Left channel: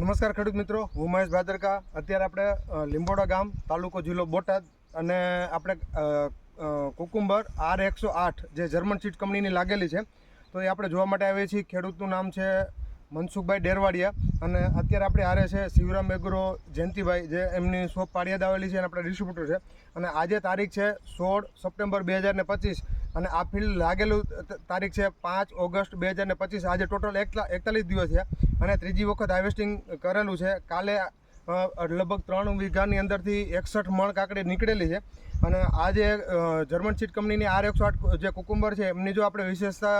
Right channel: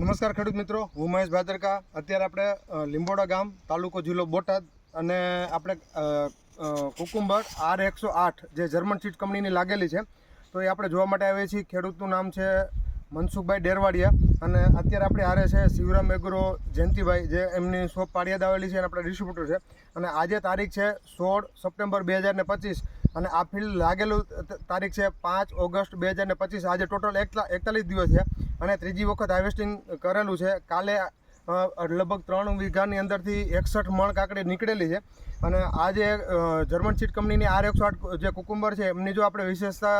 નમસ્કાર ખેડૂત મિત્રો, હું મહેશ ભાદરકા. અત્યારે આપણે લીંબોડા ગામ, તાલુકો જિલ્લો બોટાદ, અને આપણે કુકુંબર R108 જે જર્મન સીડ કંપનીની લાગેલી છે, તો એ આપણે જોવા માટે આવીએ છીએ. ખેડૂતનું નામ છે મનસુખભાઈ ડેરવાડિયા, અને અત્યારે આપણે હારે છે શિવરામ એગ્રો જયંતિભાઈ, જે એમની શોપ પાળિયાદ આવેલી છે અને આપણે ડિસ્ટ્રીબ્યુટર છે. અને આજે તારીખ છે 16 સપ્ટેમ્બર 2025, અને આ ફિલ્ડ લાગેલું તારીખ છે 5 ઓગસ્ટ 2025. આજે ટોટલ 41 દિવસ છે અને ત્રીજી વખત હાર્વેસ્ટિંગ કરેલું છે. કાલે લગભગ 3 વીઘાની અંદરથી 61 મણ કાકડી નીકળેલી છે. અને આ જે જર્મન સીડ કંપનીની R108 જે કુકુંબર છે, એમની જો આપણે વિશેષતા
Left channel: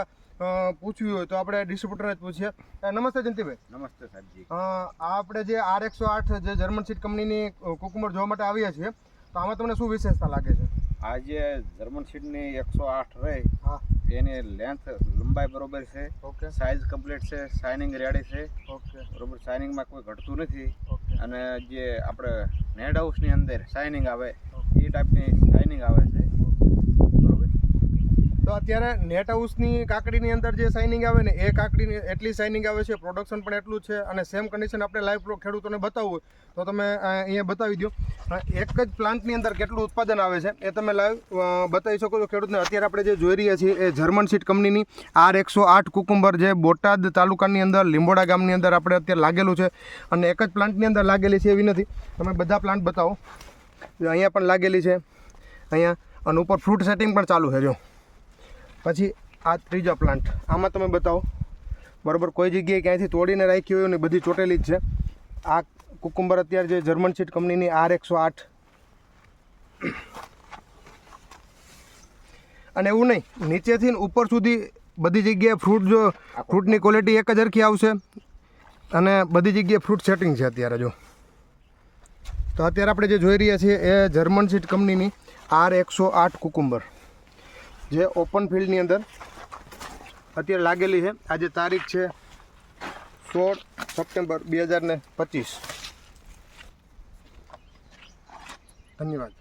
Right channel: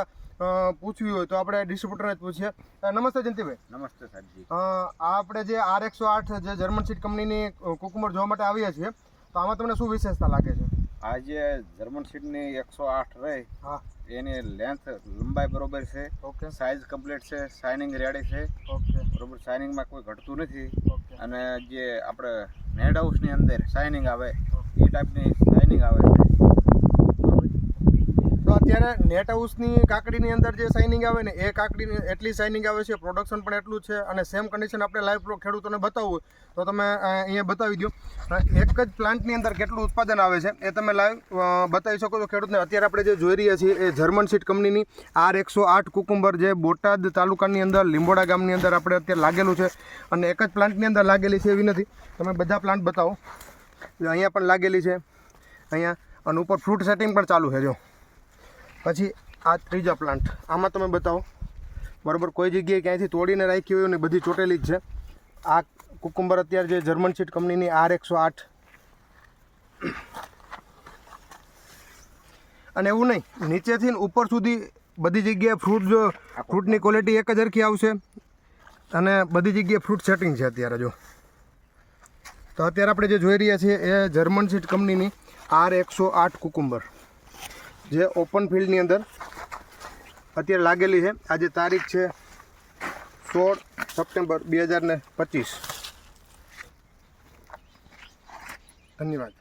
પૂછવી હોય તો આપણે ડિસ્ટ્રીબ્યુટરને જ પૂછીએ. નમસ્તે જયંતિભાઈ. નમસ્તે સાહેબજી. આ આપણે જે R108 જે જર્મન સીડ કંપનીની કુકુંબર જોવા માટે આવ્યા છીએ, તો આમાં તમને શું વિશેષતા લાગે છે? આ જે જર્મન સીડની 108 રહી, હા, એની લેન્થ લંબાઈ બરોબર છે, ઓકે, સાઇઝ કમ્પ્લીટ છે, શાઇનિંગ રેડી છે, ઓકે, બરોબર. શાઇનિંગમાં કોઈ ઘટતું નથી. ઓકે. અને જે આપણે નેટ હાઉસની અંદર શાઇનિંગ આવે એ ટાઈપની શાઇનિંગ આવે છે. તો અત્યારે નેટ હાઉસની કાકડીની અંદર જે શાઇનિંગ આવે ને, એ કાકડીની એટલી શાઇનિંગ આવે છે, પ્રોડક્શન પણ એટલું જ છે. અને સેમ કન્ડિશન આપણે લાઈવ ખેડૂતોને બતાવવું હોય તો તમે અહીંયા બતાવી દો. એક જ પ્લાન્ટની અંદર કેટલું ઉત્પાદન આવે છે એ તમે લાઈવ બતાવી શકો છો ખેડૂતને. અત્યારે આપણે જે જોઈ રહ્યા છીએ એ જર્મન સીડ કંપનીની R108 કુકુંબર, જે બોટાદ તાલુકાની અંદર લીંબોડા ગામની અંદર આપણે અત્યારે લાગેલું છે. અને એક જ પ્લાન્ટની અંદર લાગેલી છે એવી નથી, તમે બધા પ્લાન્ટ બતાવો. અહીંયા પણ લાગેલી છે, અહીંયા, અને ઉપર ફ્રૂટ સેટિંગ પણ ચાલુ છે. જો પછી આ ત્રીજા પ્લાન્ટ, આમાં તમે બતાવો. બરાબર, કોઈ જગ્યાએ ક્યાંયથી તોડીને રાખી હોય ને બધી ચોટેલી જ છે. આ કુકુંબર અત્યારે જે જર્મન સીડ કંપનીની R108. અને એવું નહીં, નીચેથી ઉપર સુધી બધી જગ્યાએ ફ્રૂટ, જો ફ્રૂટની ક્વોલિટી એક જ હરખી આવશે, અને બધી જગ્યાએ ફ્રૂટ સેટિંગ છે અત્યારે. જો તો અત્યારે આપણે જે જોઈ રહ્યા છીએ એ જર્મન સીડ કંપનીની R108 કુકુંબર, જે ઓપન ફિલ્ડની અંદર અત્યારે લાગેલી છે. આજે તારીખ છે 16 સપ્ટેમ્બર 2025. ધન્યવાદ.